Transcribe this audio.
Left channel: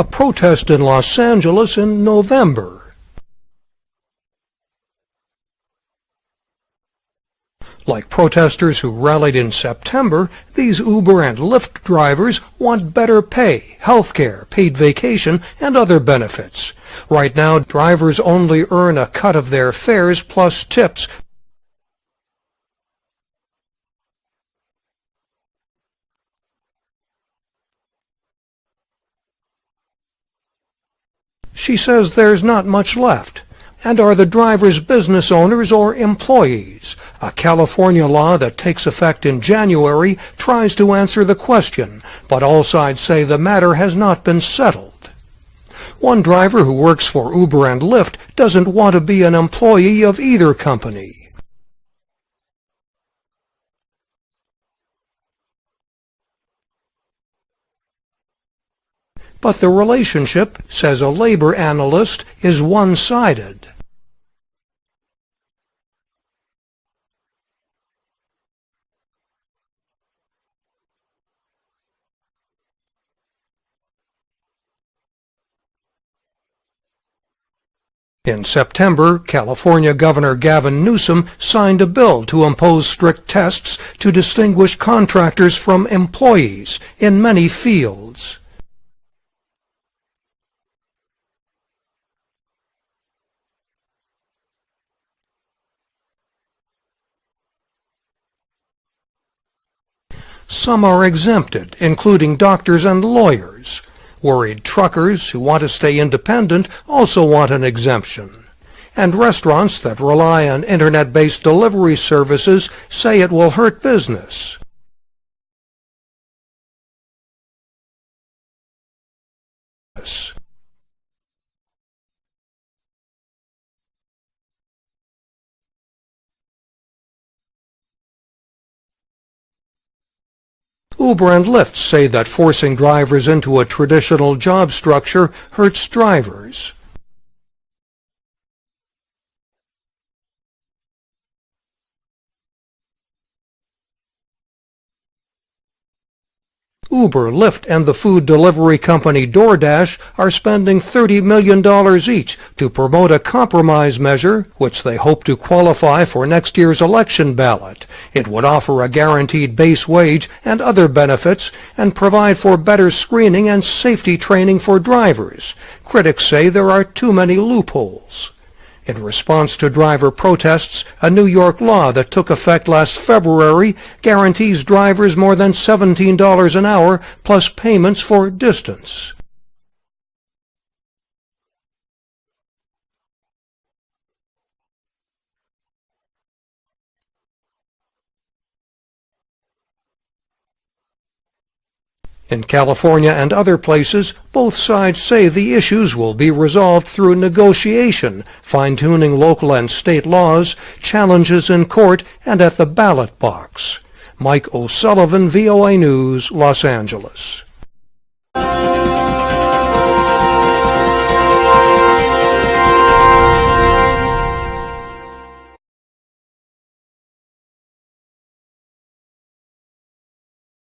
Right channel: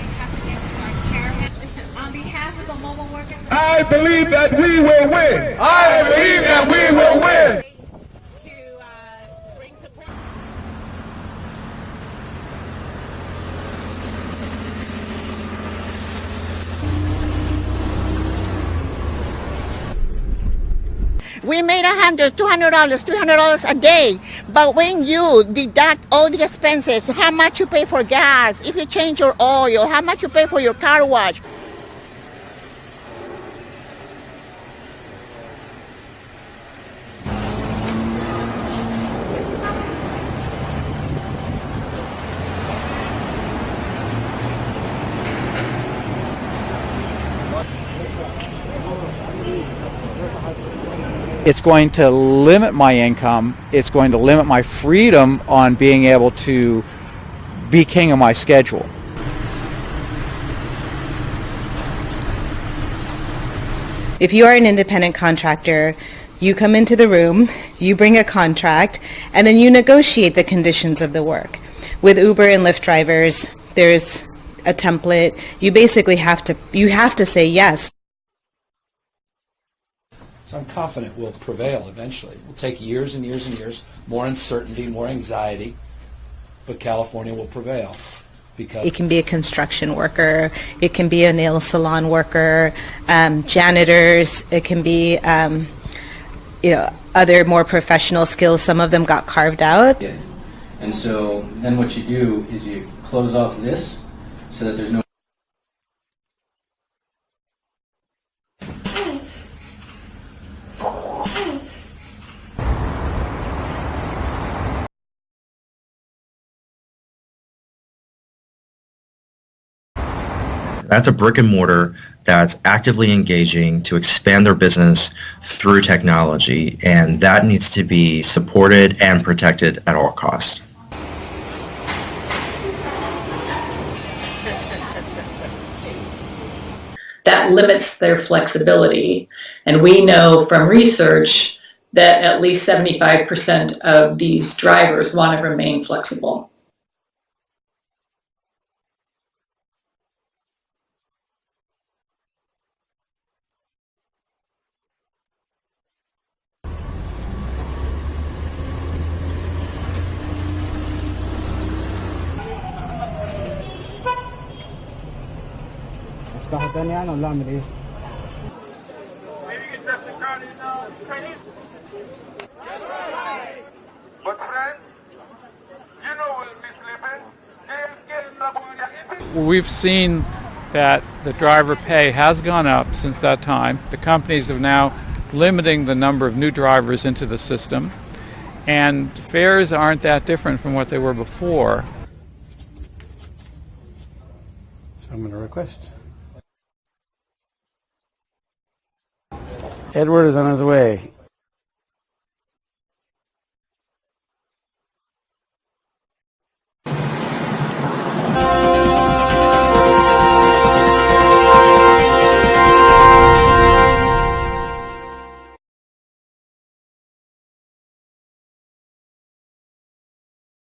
a protest in Los Angeles in November. I believe that we will win. I believe that we will win. Like protesters who rallied in September, these Uber and Lyft drivers want better pay, health care, paid vacation, and other benefits. Right now, drivers only earn a cut of their fares plus tips. We made $100, $200, $300 a day. But when you deduct all the expenses, how much you pay for gas, if you change your oil, how much you pay for your car wash. She says there's not much left. And are the drivers business owners or employees? A California law that takes effect in January tries to answer the question, but all sides say the matter has not been settled. One driver who works for Uber and Lyft doesn't want to be an employee of either company. It's going to limit my income. It's going to limit my freedom on being able to be king of my schedule. But the relationship, says a labor analyst, is one-sided. If you are an independent contractor, you come into the room, you bring a contract, and then you negotiate the conditions of the work. With Uber and Lyft drivers, there's a template. You basically have to say yes. In September, California Governor Gavin Newsom signed a bill to impose strict tests to distinguish contractors from employees in many fields. It can be a construction worker, it can be a nail salon worker, janitors, it can be other more professional skills. Some of them got carved out. Some are exempted, including doctors and lawyers. Worried truckers who want to stay independent also want an exemption. And restaurants that rely on internet-based delivery services say it will hurt business. That's a brick and mortar that's actively engaging to expand their business through technology, and that needs to be supported and protected at all costs. Uber and Lyft say that forcing drivers into a traditional job structure hurts drivers. That limits their flexibility, and we know from research that at least 75% of these drivers want to remain flexible. Uber, Lyft, and the food delivery company DoorDash are spending $30 million each to promote a compromise measure, which they hope to qualify for next year's election ballot. It would offer a guaranteed base wage and other benefits and provide for better screening and safety training for drivers. Critics say there are too many loopholes. In response to driver protests, a New York law that took effect last February guarantees drivers more than $17 an hour plus payments for distance. We've seen that the driver pay has gone up since that time. The companies are now limiting the number of new drivers into the system, and fares aren't that different from what they were before. In California and other places, both sides say the issues will be resolved through negotiation, fine-tuning local and state laws, challenges in court, and at the ballot box. Mike O'Sullivan, VOA News, Los Angeles.